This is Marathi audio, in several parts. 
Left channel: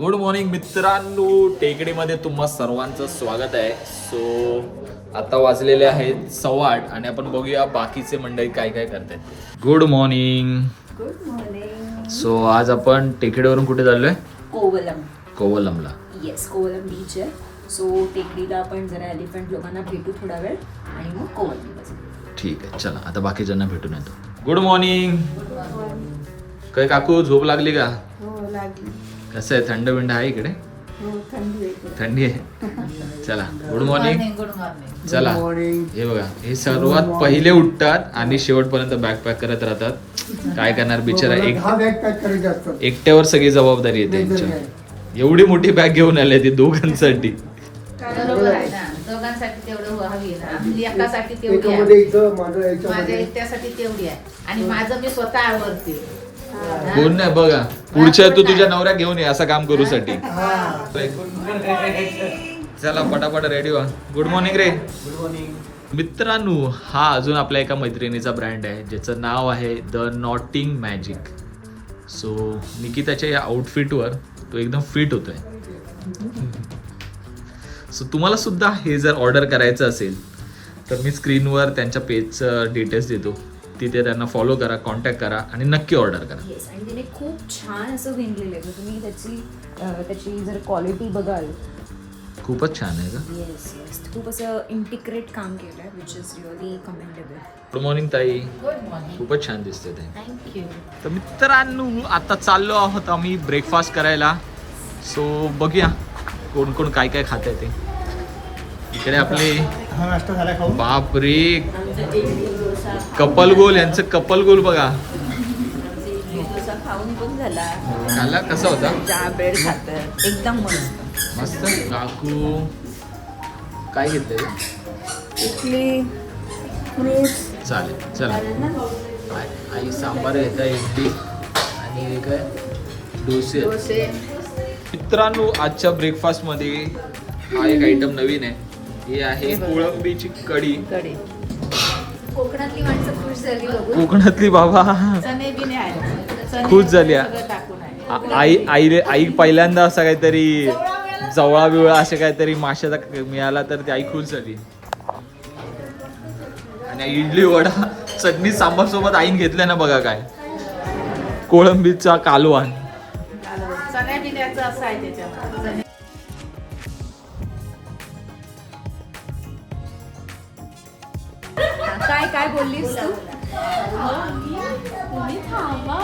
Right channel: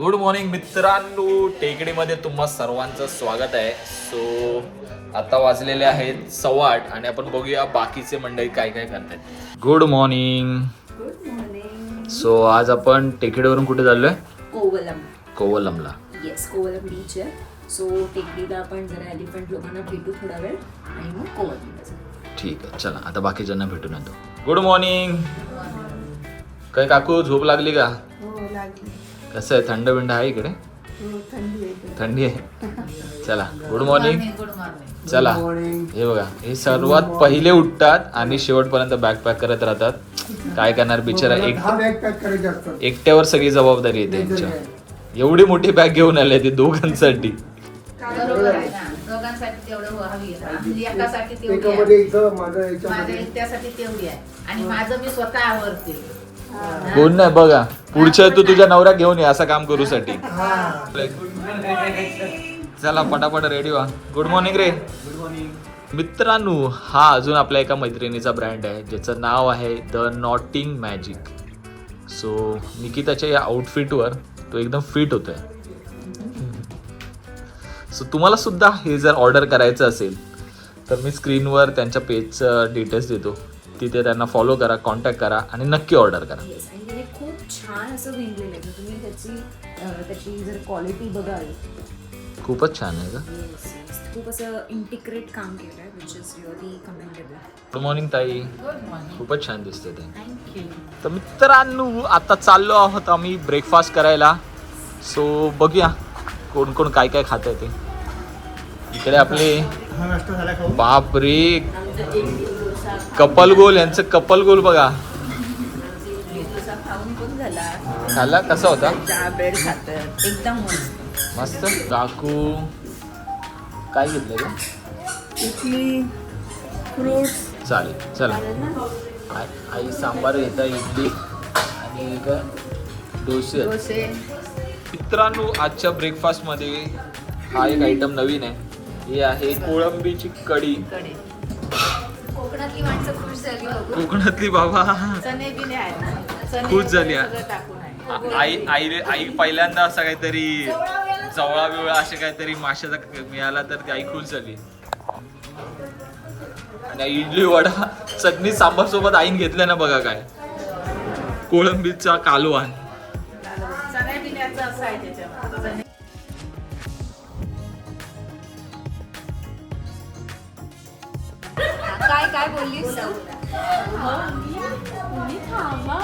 गुड मॉर्निंग मित्रांनो, टेकडीमध्ये तुम्हा सर्वांचं स्वागत आहे. सो आता वाजलेले आहेत 8:15 आणि आपण बघूया बाकीचे मंडळी काय काय करतायत. Good morning. Good morning. So आज आपण टेकडीवरून कुठे चाललोय? कोवलमला. येस, कोवलम बीच आहे. सो टेकडीला आपण जरा एलिफंट लोकांना भेटू थोडा वेळ आणि मग कोवलमला जाऊ. ठीक आहे, चला आता बाकीच्यांना भेटून येतो. Good morning. काय काकू, झोप लागली का? हो लागली. कसं आहे, थंड बिंड आहे इकडे? हो थंडी आहे. थंडी आहे. चला गुड मॉर्निंग. चला हे बघा, हे सर्वात पहिले उठतात आणि शेवटपर्यंत बॅग पॅक करत राहतात. काय करणार बिचारा, एकट्यावर सगळी जबाबदारी आहे त्यांच्या. एवढी मोठी बॅग घेऊन आले ते दोघांसाठी. दोघांसाठी तेवढं हवी आहे, एकासाठी तेवढी आहे आणि माझं मी स्वतः आवडते. कोण नाही बघा, पुढच्या तू तुझ्या नवऱ्या घेऊन ये असं काम करू साठी. चला पटापट रेडी व्हा. गुड मॉर्निंग रे. गुड मॉर्निंग मित्रांनो. हा अजून आपल्या एका मैत्रिणीचा ब्रँड आहे ज्याचं नाव आहे द नॉटिंग मॅजिक. सो निकिताच्या या आउटफिटवर तो एकदम फिट होतोय. सो तुम्हाला सुद्धा हे जर ऑर्डर करायचं असेल तर मी स्क्रीनवर त्यांच्या पेजचं डिटेल्स देतो. तिथे त्यांना फॉलो करा, कॉन्टॅक्ट करा आणि नक्की ऑर्डर करा. येस, आणि त्याने खूप छान असं विणलेलं आहे. तुम्ही त्याची जर क्वालिटी बघाल, खूपच छान आहे का? येस येस, खूप असं इंटिग्रेट काम केलं आहे, which is really commendable. Good morning ताई. Good morning. खूपच छान दिसते ते. थँक्यू. तर मित्रांनो, आता चाललो आहोत आम्ही ब्रेकफास्ट करायला. सो बघूया कोण कोण काय काय खात आहे ते. इकडे आपले बाप रे, कपल गोल, यांचं कपल गोल बघा. खाऊन पण झाला. खाल्ला कसा होता? चहा ब्रेड खातात, एकदम मस्त मस्त. काकू काय घेतलं? इडली, फ्रूट्स. चालेल चला. आई सांबार घेता, इडली आणि काय डोसे. मित्रांनो, आजच्या ब्रेकफास्टमध्ये हा एक आयटम नवीन आहे. हे आहे कोळंबीची कढी. कोकणातली माणसं खुश झाली बघून. कोकणातली बाबा चणे बिने आहेत, खुश झाली. सगळं टाकून आहे. आई पहिल्यांदा असं काहीतरी जवळा बिवळा असे काहीतरी माशाचा मिळाला तर ती आई खुश झाली. आणि इडली वडा चटणी सांबार सोबत आईन घेतलं ना बघा, काय कोळंबीचा कालवण. चण्या बिण्याचं असं आहे त्याच्यामध्ये. काय काय बोललीस? तुम्ही थांबा,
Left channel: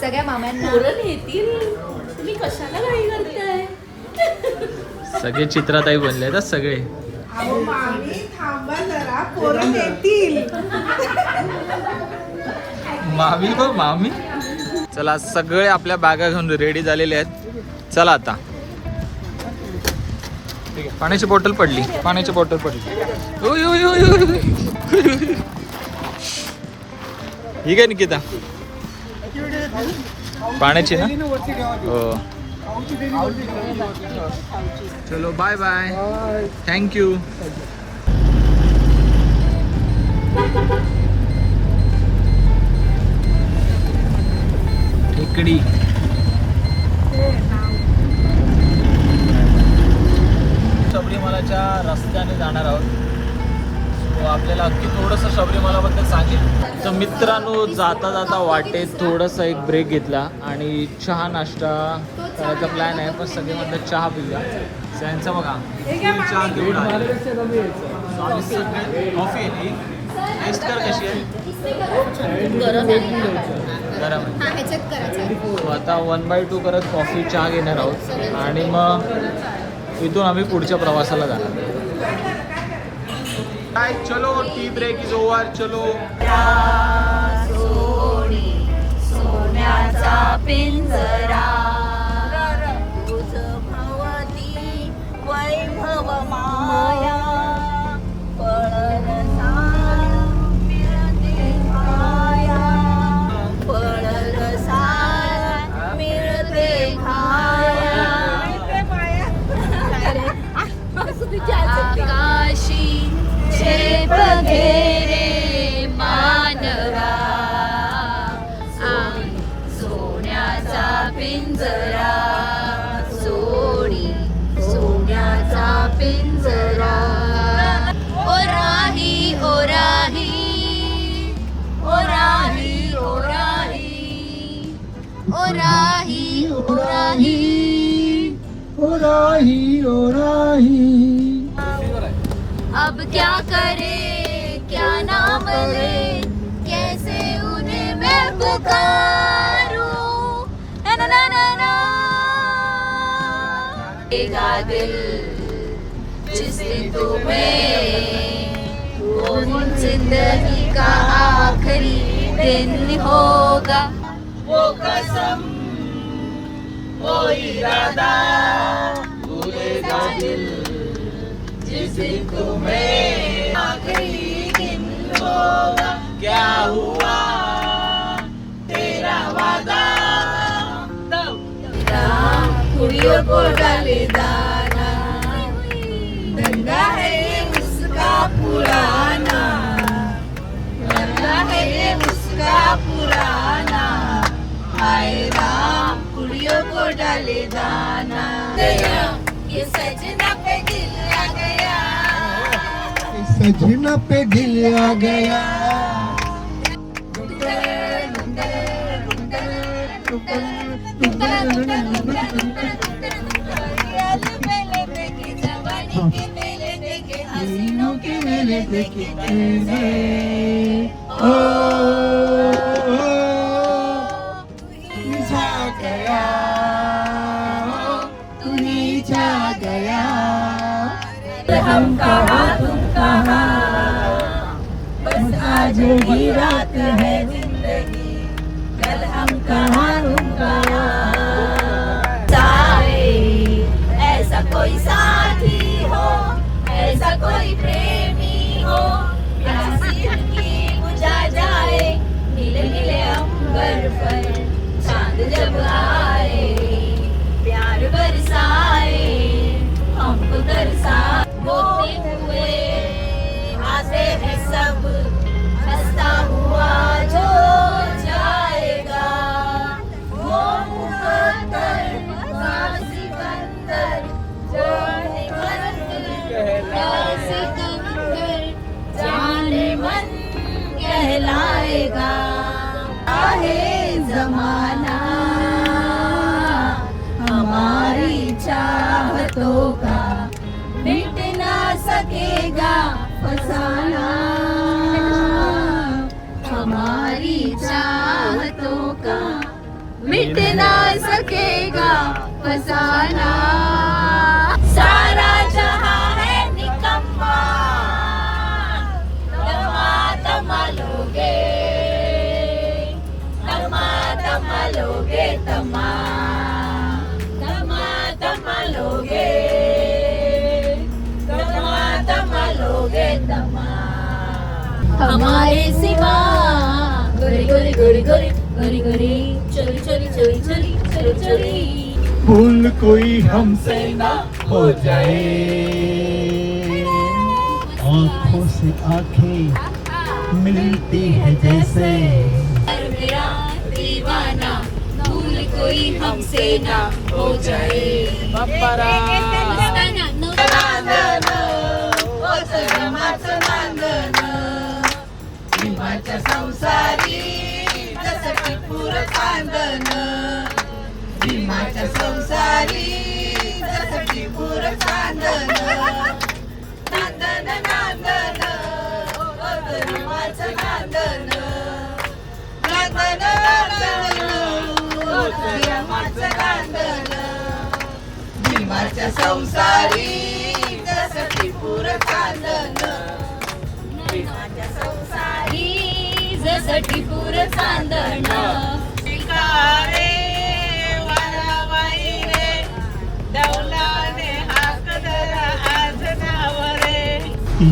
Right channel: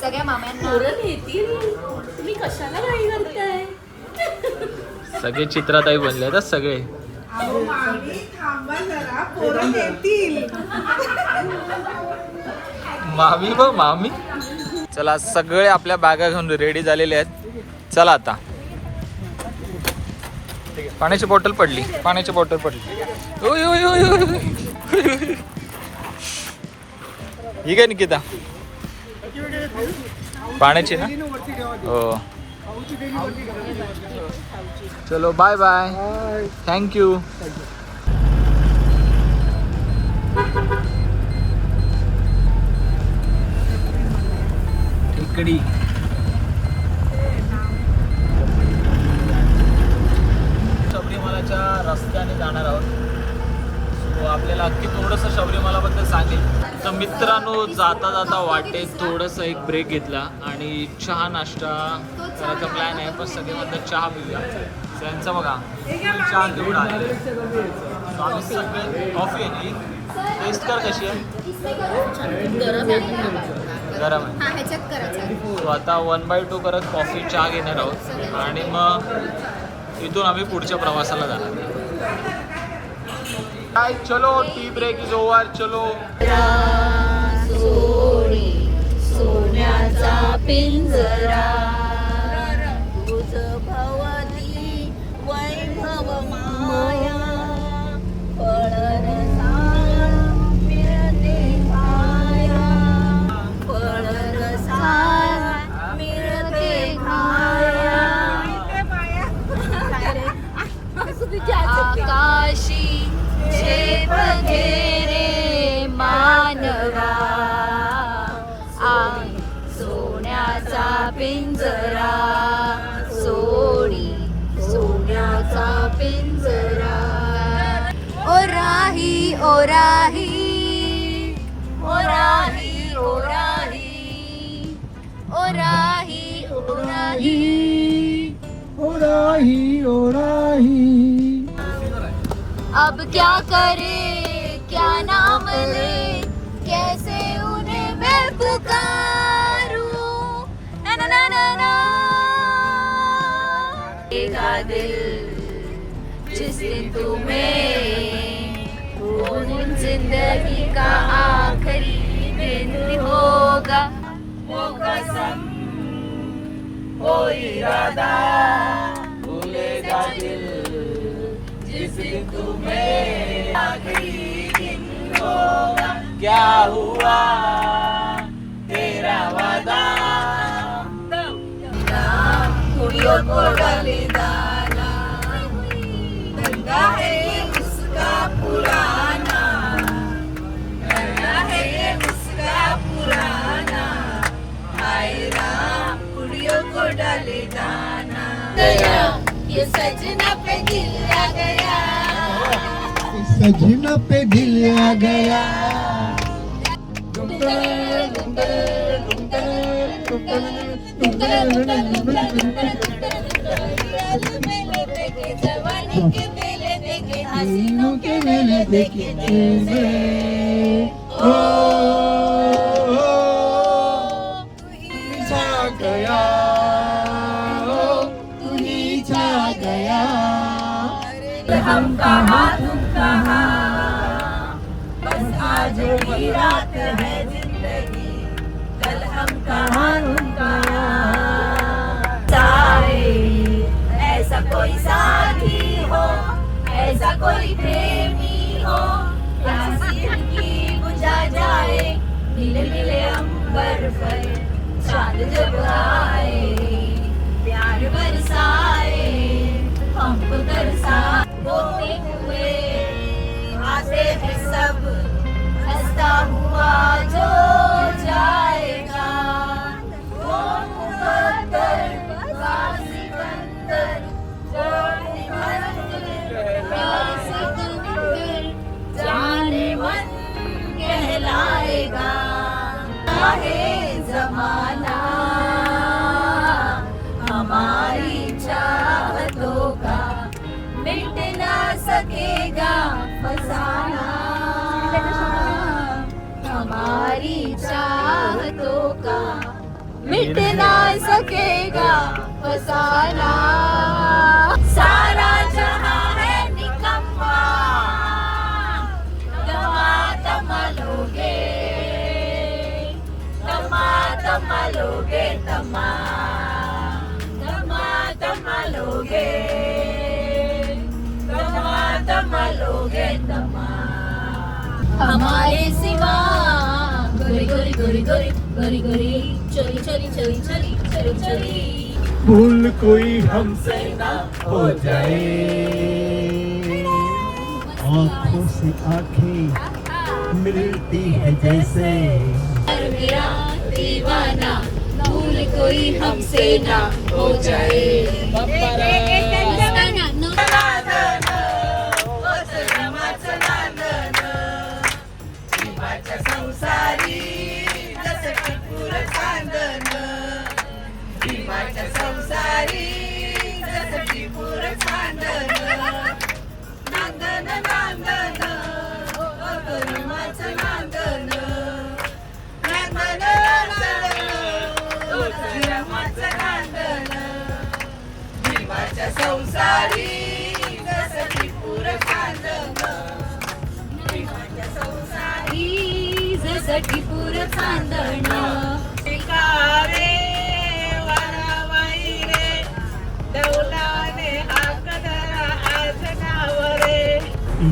सगळ्या मामांना पोरं येतील, तुम्ही कशाला घाई करताय? सगळे चित्राताई बनले आहेत सगळे. थांबा जरा, पोरं येतील. मामी बघ मामी. चला सगळे आपल्या बॅगा घेऊन रेडी झालेले आहेत. चला आता पाण्याची बॉटल पडली, पाण्याची बॉटल पडली. ओय, ओय, ओय, ओय. ही काय निकिता, पाण्याची ना? हो. चलो बाय बाय, थँक्यू. टेकडी. शबरीमालाच्या रस्त्याने जाणार आहोत. सो आपल्याला अगदी थोडंसं शबरीमालाबद्दल सांगेल. तर मित्रांनो, जाता जाता वाटेत थोडंसं एक ब्रेक घेतला आणि चहा नाश्ता करायचा प्लॅन आहे. पण सगळे म्हणतात चहा पिऊया. त्यांचं बघा चहा घेऊन आले. कॉफी आहे, टेस्ट कर कशी आहे. गरम आहे. सो आता 1/2 करत कॉफी चहा घेणार आहोत आणि मग इथून आम्ही पुढच्या प्रवासाला जाणार. काय चलो, टी ब्रेक इज ओव्हर. चलो. सोन्याचा पिंजरा, वैभव माया, आकाशी झेप घेरे मानवा, सोन्याचा पिंजरा. राही ओ राही। अब क्या करे क्या नाम रे, कैसे उन्हें मैं पुकारूं, ना ना ना ना ना। तेरा दिल जिस दिन तुम्हें, वो दिन जिंदगी का आखिरी दिन होगा। वो कसम वो इरादा भूलेगा दिल, जिस दिन तुम्हें आखिरी दिन होगा। क्या हुआ तेरा वादा, कुड़ियों को डाले दाना, धंधा है ये उसका पुराना, धंधा है ये उसका पुराना। हाय राम कुड़ियों को डाले दाना, गया ये सजना पे दिल आ गया, सजना पे दिल आ गया। तीनों के मेले देखे ओ छा गया, तू ही छा गया। हम कहाँ तुम कहाँ, बस आज ही रात है जिंदगी, कल हम कहाँ तुम कहाँ। ऐसा कोई साथी हो, ऐसा कोई प्रेमी हो, प्यासी की बुझा जाए, नीले नीले अंबर पर चांद जब आए, प्यार बरसाए हमको तरसाए। बोलते हुए आते हैं सब, हंसता हुआ जो जाएगा, वो मुकद्दर का सिकंदर, जो सिकंदर जाने मन कहलाएगा। आहे जमाना हमारी चाहतों का, मिट ना सकेगा फसाना, हमारी चाहतों का मिट ना सकेगा फसाना। सारा जहां है निकम्मा, तमा तमा लोगे, तमा तमा लोगे, तमा तमा तमा लोगे, हमारे सिवा गोरी गोरी गोरी गोरी गोरी गोरी चोरी चोरी चोरी चोरी चोरी चोरी। भूल कोई हमसे ना हो जाए, आंखों से आंखें मिलती है जैसे, मेरा दीवाना भूल कोई हमसे ना हो जाए। संसारी जसं टिपूर चांदन, भीमाच्या संसारी जसं टिपूर चांदन, नांदन नांदन भीमाचं नांदन, नांदन नांदन भीमाचं नांदन, भीमाच्या संसारी जसं टिपूर चांदन, भीमाच्या संसारी जसं टिपूर चांदन। शिकारे वारावाई रे, डौलाने हाकदरा आज नाव रे।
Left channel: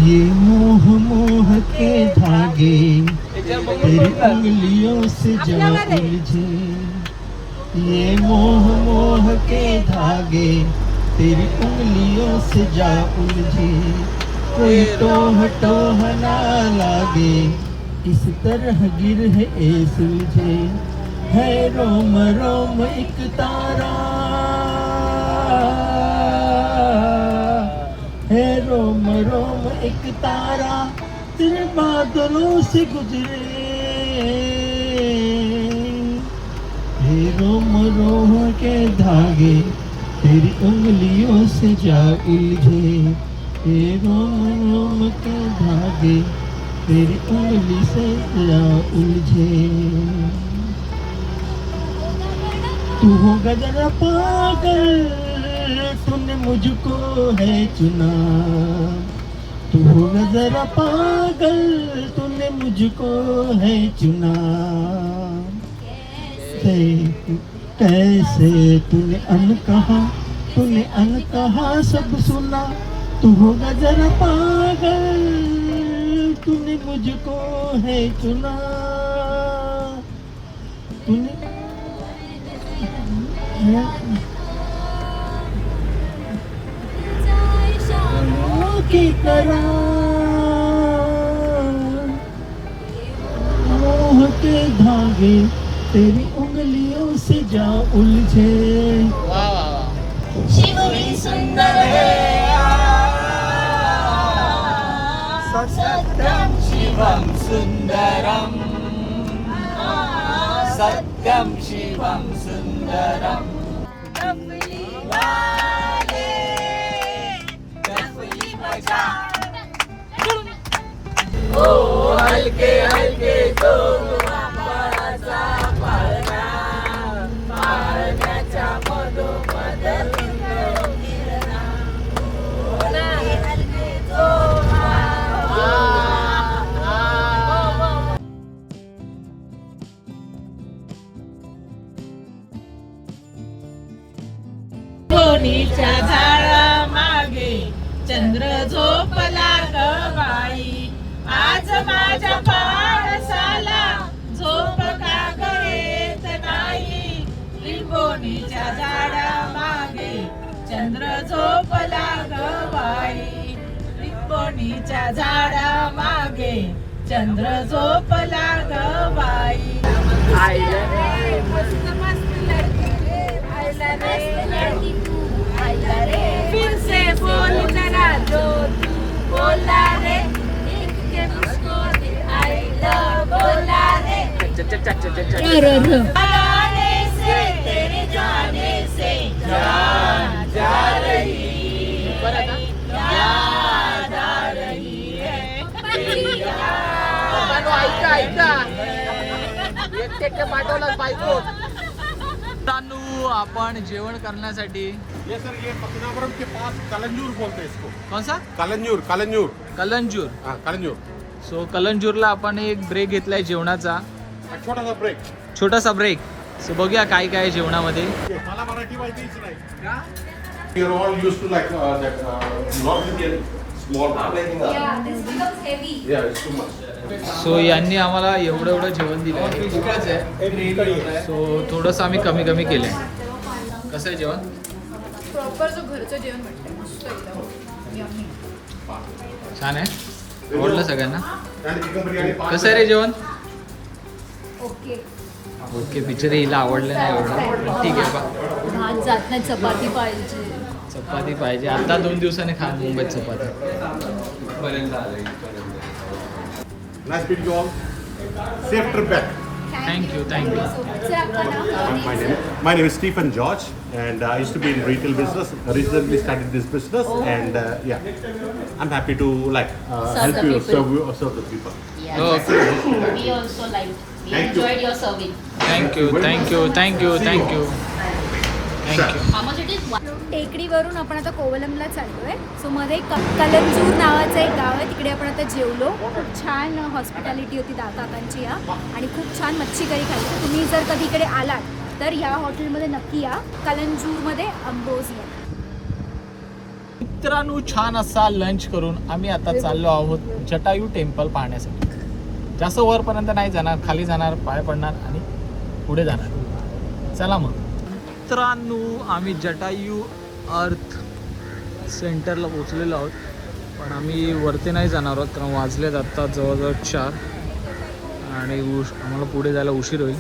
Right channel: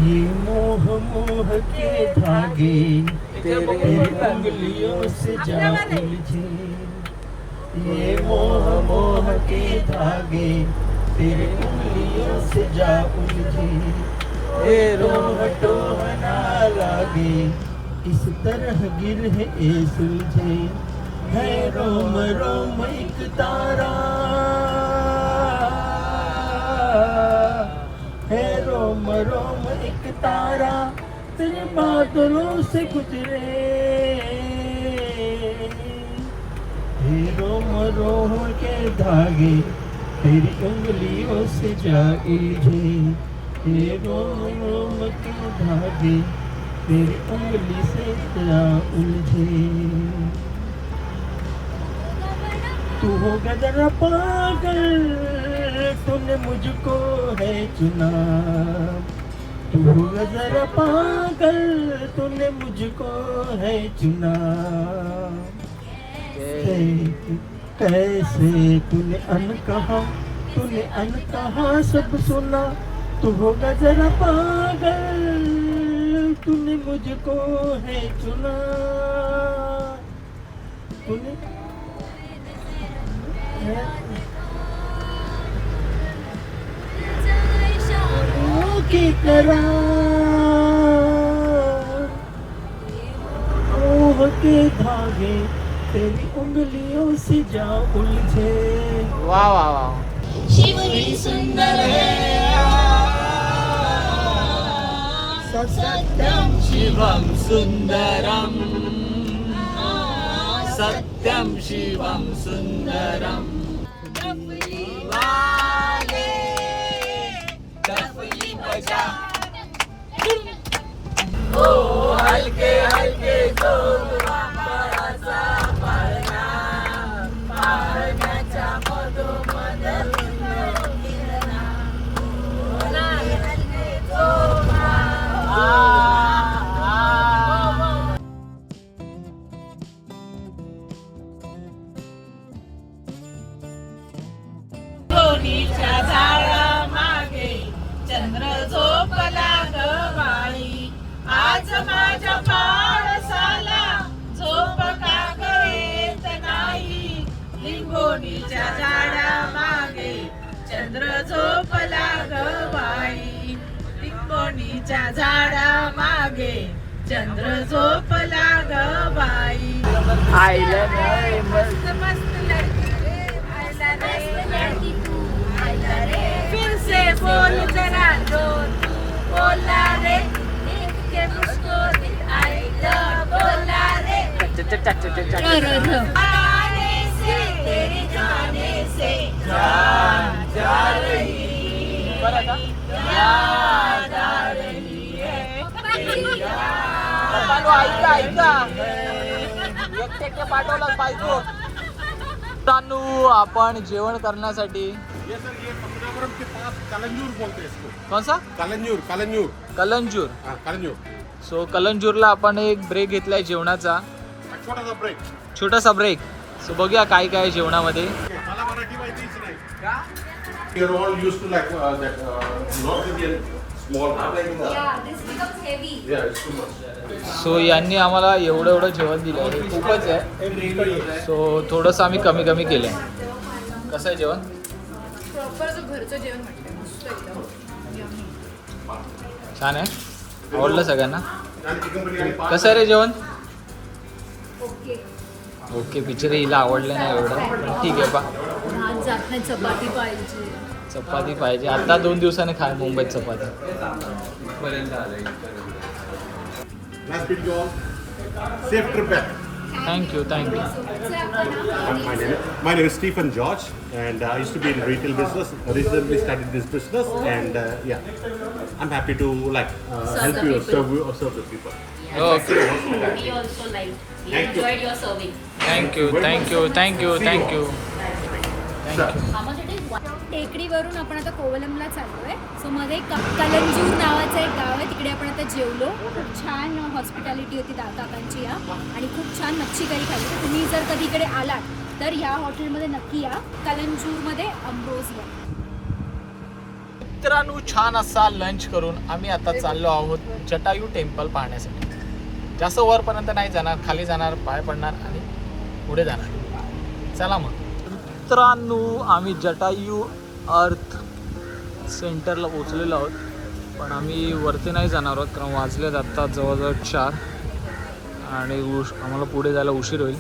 ये मोह मोह के धागे तेरी उंगलियों से जा उलझे, ये मोह मोह के धागे तेरी उंगलियों से जा उलझे। कोई टोह टोह ना लागे, इस तरह गिरह ए सुलझे। है रोम रोम एक तारा, है रोम रोम एक तारा, तेरे बादलों से गुजरे। हे रोम रोम के धागे तेरी उंगलियों से जा उलझे ये रोम के धागे, तेरी उंगली से जा उलझे। तू होगा जरा पागल, तूने मुझको है चुना। तू होगा जरा पागल, तूने मुझको है चुना। कैसे तूने अनकहा सब सुना। तू होगा जरा पागल, तूने मुझको है चुना। तूने की तरह मोह के धागे तेरी उंगलियों से जा उलझे। वा वा वा. शिवली सुंदर है सत्यम शिवम सुंदरम, सत्यम शिवम सुंदरम. ओ हलके हलके जोर वाचा पाळणा, पाळण्याच्या मधोमध किरणा. हलके जोर दोन्हीच्या झाडा मागे चंद्र झोपला ग बाई. आज माझ्या पावसाला झोप का करेत नाही. लिंबोणीच्या झाडा मागे चंद्र झोपला ग बाई. लिंबोणीच्या झाडा मागे चंद्र झोपला ग बाई. आईला रे मस्त मस्त लडकी रे, आयला रे आयला रे. फिर से बोल जरा जो तू बोला रे, देख के मुझको दिल आई लव बोला रे. आने से तेरे जाने से जान जा रही, याद आ रही है तेरी याद. ऐका ऐका एक पाठवला पाहिजे. तानू आपण जेवण करण्यासाठी ये सर ये पद्मनाभपुरम के पास कलंजूर बोलते हैं इसको. कौन सा कलंजूर कलंजूर कलंजूर. हाँ कलंजूर. सो कलंजूरला आपण एक ब्रेक घेतलाय जेवणाचा, एक छोटा सा ब्रेक. छोटासा ब्रेक. सो बघूया काय काय आहे जेवणामध्ये. मला मराठी माहितीच नाही. We are all used to like that North Indian small. Yeah, it's too much. So यांनी आम्हाला एवढं एवढं जेवण दिलं, खूपच आहे. सो थोडंसं आम्ही कमी कमी केलंय. कसं आहे जेवण? प्रॉपर जो घरचं जेवण वाटतं मस्त एकदम यम्मी. छान आहे, आवडलं सगळ्यांना. आणि चिकन बिर्याणी कसं आहे रे जेवण? ओके. ओके. पिक्चर हिला आवडलं नाही एवढं, पण ठीक आहे. भात जात नाही, चपाती पाहिजे. चपाती पाहिजे. आता 2 दिवसांनी खा मुंबईत चपाती. Nice meeting you all. Safe trip back. Thank you thank you. Sir आपका नाम? My name is Stephen George, and I used to be in retail business. Recently started this business, and yeah, I'm happy to like help the you, people. serve the people. Okay. We also liked. We Thank you. enjoyed your serving. Thank you thank you thank you thank you thank you. टेकडीवरून आपण आता कोवलमला चाललोय. सो मध्ये कलंजूर नावाचं एक गाव आहे, तिकडे आपण आता जेवलो. खूप छान हॉस्पिटॅलिटी होती काकांची या, आणि खूप छान मच्छी करी खाल्ली. तर तुम्ही जर कधी इकडे आलात तर ह्या हॉटेलमध्ये नक्की या, कलंजूरमध्ये अम्ब्रोसिया. मित्रांनो, छान असा लंच करून आम्ही आता चाललो आहोत जटायू टेम्पल पाहण्यासाठी. जास्त वरपर्यंत नाही जाणार, खाली जाणार, पाय पडणार आणि पुढे जाणार. चला मग मित्रांनो, आम्ही जटायू अर्थ सेंटरला पोचलेलो आहोत, पण आम्ही वरती नाही जाणार आहोत कारण वाजलेत आत्ता जवळजवळ 4 आणि आम्हाला पुढे जायला उशीर होईल.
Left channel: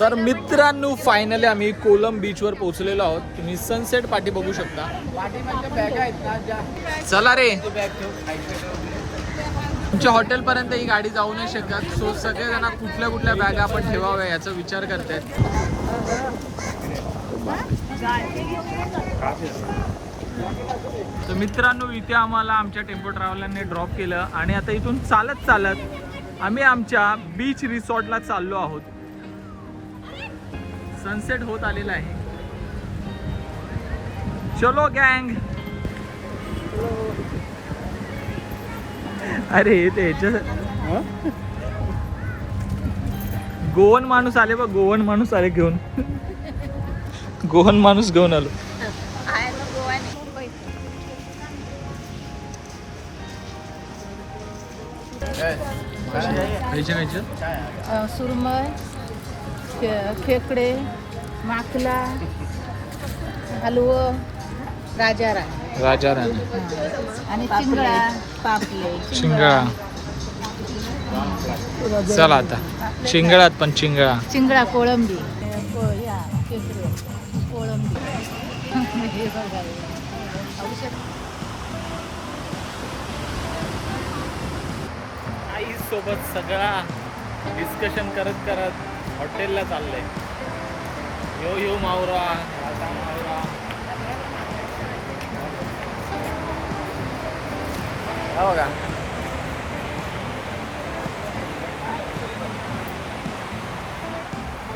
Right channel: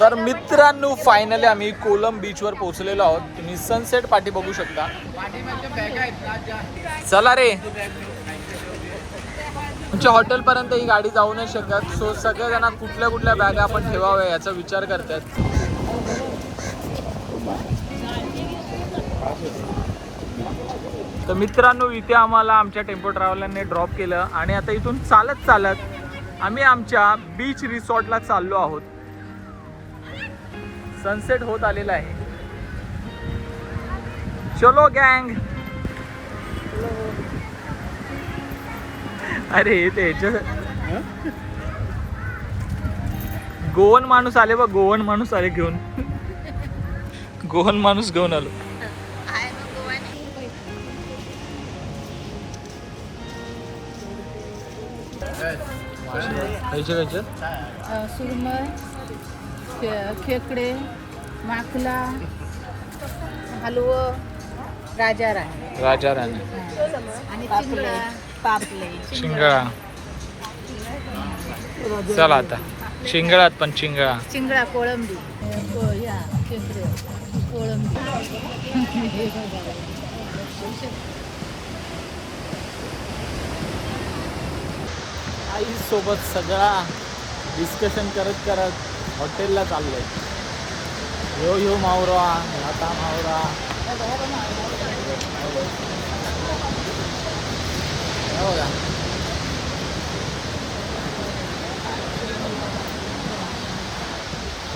तर मित्रांनो फायनली आम्ही कोलम बीचवर पोहोचलेलो आहोत. तुम्ही सनसेट पाठी बघू शकता. चला रे, तुमच्या हॉटेलपर्यंत ही गाडी जाऊ नाही शकत. सो सगळेजण कुठल्या कुठल्या बॅगा आपण ठेवाव्या याचा विचार करतायत. तर मित्रांनो इथे आम्हाला आमच्या टेम्पो ट्रॅव्हलरने ड्रॉप केलं आणि आता इथून चालत चालत आम्ही आमच्या बीच रिसॉर्टला चाललो आहोत. सनसेट होत आलेला आहे. चलो गँग. अरे ते गोवन माणूस आले बघ, गोवन माणूस आले घेऊन. गोवन माणूस घेऊन आलो. खायचे खायचे सुरमई, खेकडे, माकला, हलवो, राजा राणी आणि चिंगळा, पापले, शिंगळा. चला आता शिंगळात पण चिंगळा. चिंगळा, कोळंबी, खेकडे, कोळंबी. आई सोबत सगळा डिस्कशन करत करत हॉटेलला चाललंय. यो मावरा, आता मावरा. हो का?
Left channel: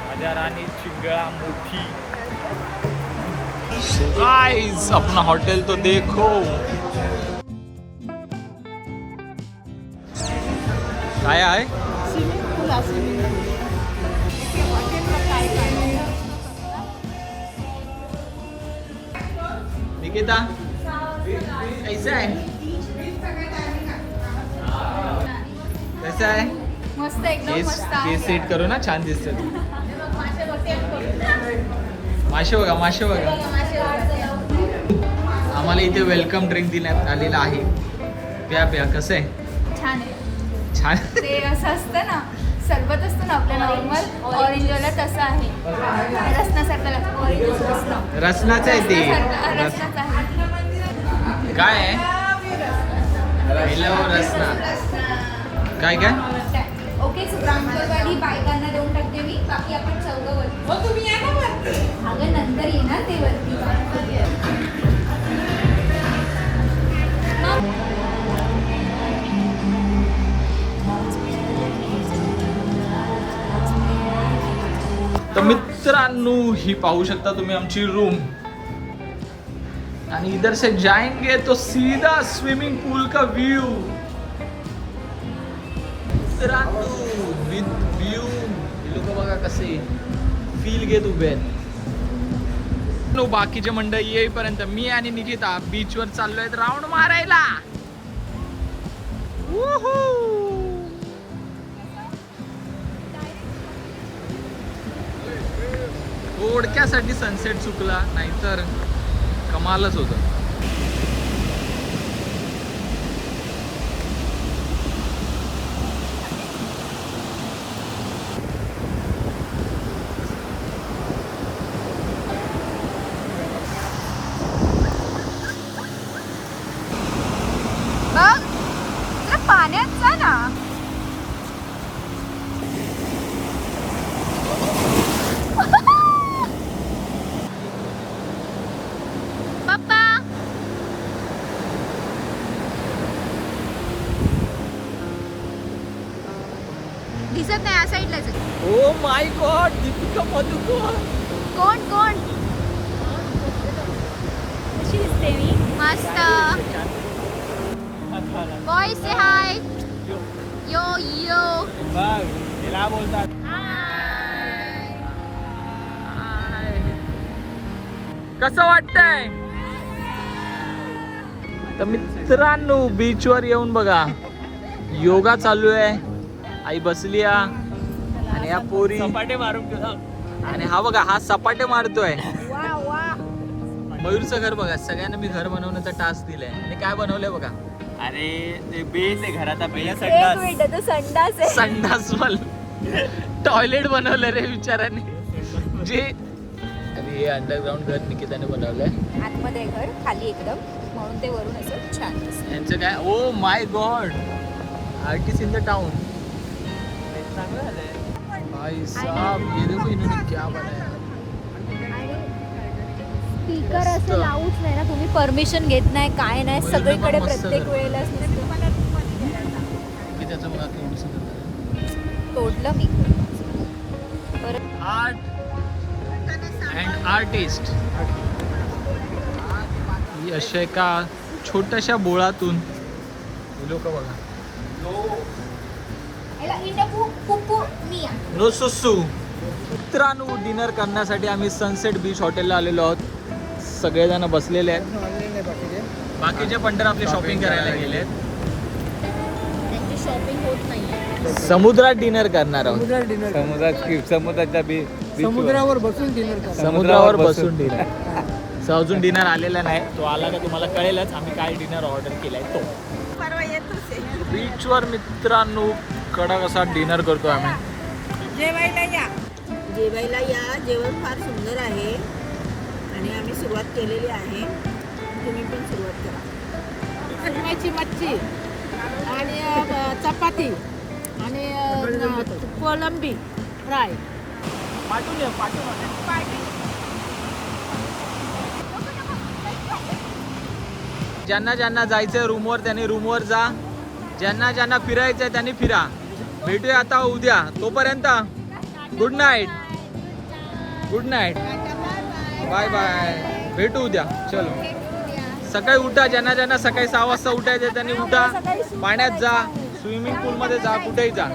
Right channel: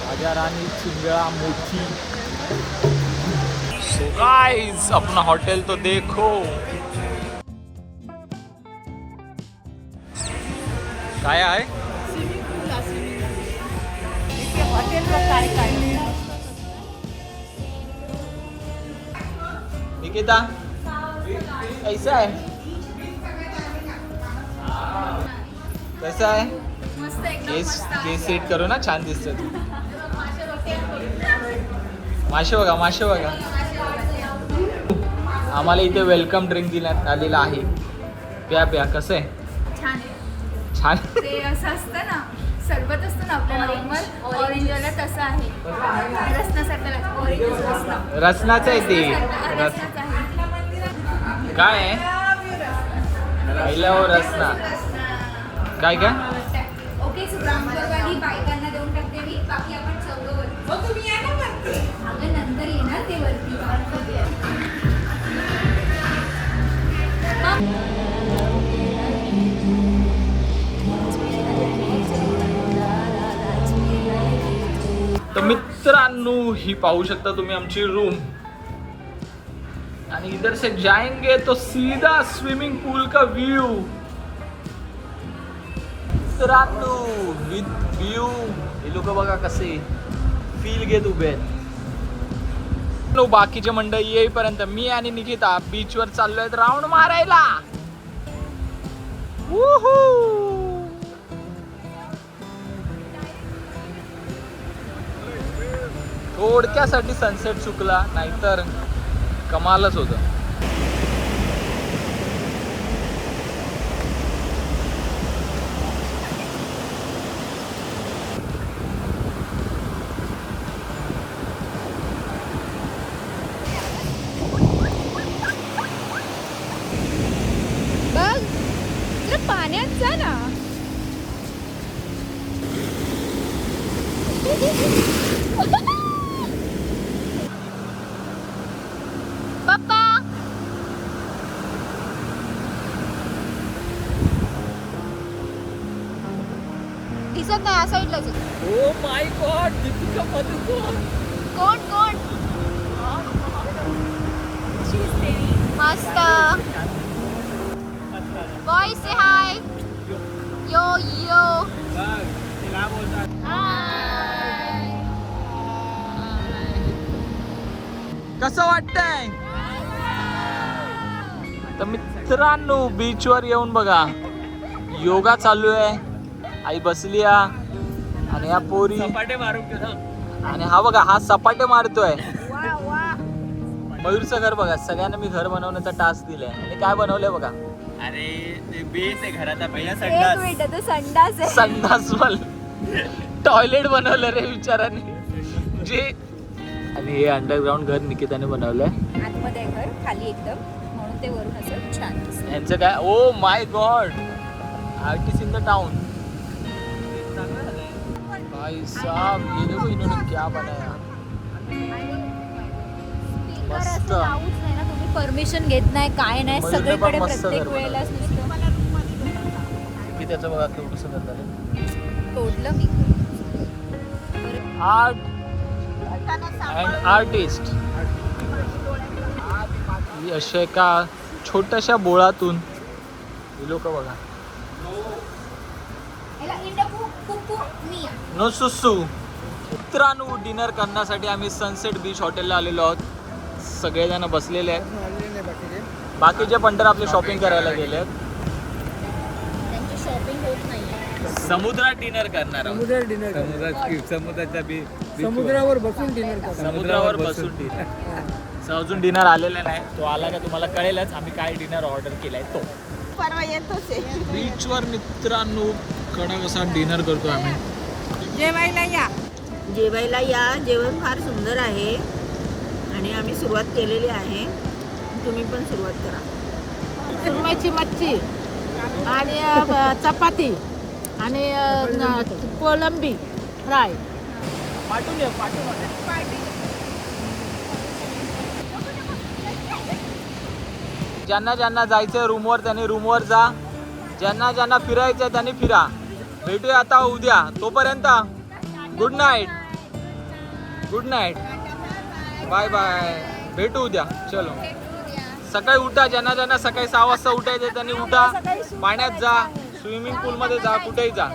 राजा रानी चिंगळा मोठी. सो गाइस अपना होटल तो देखो. काय आहे? निकिता कैसा है? कैसा आहे? मस्त एकदम केस मस्त आहे. केस सेट करू ना, छान दिसते. मासे बघा, मासे बघा. आम्हाला इथे वेलकम ड्रिंक देण्यात आलेला आहे. प्या प्या. कसं आहे? छान आहे. छान. ते असं असतं ना, सरबत असतं ना आपल्या नॉर्मल ऑरेंजला, तसं आहे. रसनासारखं लागतं. ऑरेंज रसना. रसनाचं आहे ते. रसनाचं आहे. काय आहे? रसना. काय काय? ओके, ब्राऊन कलरवाली बायकांना देऊन टाकते मी. बाकी आपण चौघं वरती. तुम्ही या ना वरती. अगं नंतर येणार ते वरती. तर मित्रांनो ही पाहू शकता तुम्ही आमची रूम. आणि इधर से जाएंगे तो सीधा स्विमिंग पूल का व्यू. मित्रांनो व्यू लोक बघा कसे फील घेत उभे आहेत. बाकीचे मंडळी येईपर्यंत मी आणि निकिता बीचवर चाललोय राऊंड मारायला. थोडक्यासाठी सनसेट चुकला, नाहीतर कमालच होतं. बघ जरा पाण्यात जा ना. पप्पा दिसत नाही या साईडलाच. Oh my God, Deepika Padukone. कोण कोण? कशी दिसते मी? मस्त. बॉय से हाय. यो यो. तिला बोलतात. कसं वाटतंय? तर मित्रांनो बीचवर येऊन बघा, योगा चालू आहे. आई बसली आणि या पोरी सपाटे मारून. आणि हा बघा, हा सपाटे मारतोय. मयूरचं घर बघा. सगळ्यांना मी घर बनवण्याचा टास्क दिलाय. आणि काय बनवलंय बघा. अरे ते बेस आहे घराचा पहिला एक मिनिट, तो संडास आहे. संडास टॉयलेट बनवलं रे विचाराने जे. आणि हे अंडरग्राऊंड घर निकिताने बनवलंय. आतमध्ये आहे घर, खाली एकदम, म्हणून ते वरून असं छान दिसतं. यांचं काय, oh my God, artist in the town. भाई साहब ये देखो इन्होंने क्या बनाया. स्पीकर मस्त. असं लावूच नाही ना तुम्ही, परमिशन घेत नाही काय नाही, मयूरने पण सगळीकडे मस्त प्रत्येक घर वेळेला की त्याचं बघा कसं करतात. तोडलं मी. Art and artist. ही अशा एका छोट्याशा बोळातून लोक बघा. नो सुसू. मित्रांनो, डिनर करण्यासाठी आम्ही सनसेट बीच हॉटेलला आलेलो आहोत. सगळेजण बसलेले आहेत. बाकीचे पण तर आपले शॉपिंग करायला गेलेत. त्यांची शॉपिंग होत नाही. समुद्रात डिनर करणार आहोत. समुद्रावर बसून डिनर करा. समुद्रावर बसून डिनर. अजून डिनर आलेला नाही, तो आला का तुम्हाला कळेलच आम्ही काय डिनर ऑर्डर केलाय तो. परवा येतोच आहे. बीचवर मित्रांनो कडक असा डिनर करतो आम्ही. जेवायला या. जेवायला या. जेवण फार सुंदर आहे आणि आम्ही सुरुवात केलेली आहे. तुम्ही पण सुरुवात करा. सुरमईची मच्छी आणि चपाती आणि कोलंबी फ्राय. पाठवून या, पाठवून. ज्यांना ज्यांना जायचंय रूमवर त्यांनी रूमवर जा. ज्यांना ज्यांना फिरायचंय त्यांनी फिरा. भेटूया आता उद्या. तोपर्यंत good night. Good night. Bye bye. भेटू उद्या. चलो. सकाळी उठा. ज्यांना ज्यांना सकाळी 6 वाजता उठायचे त्यांनी उठा. पाण्यात जा, स्विमिंग पूलमध्ये जा, कुठेही जा.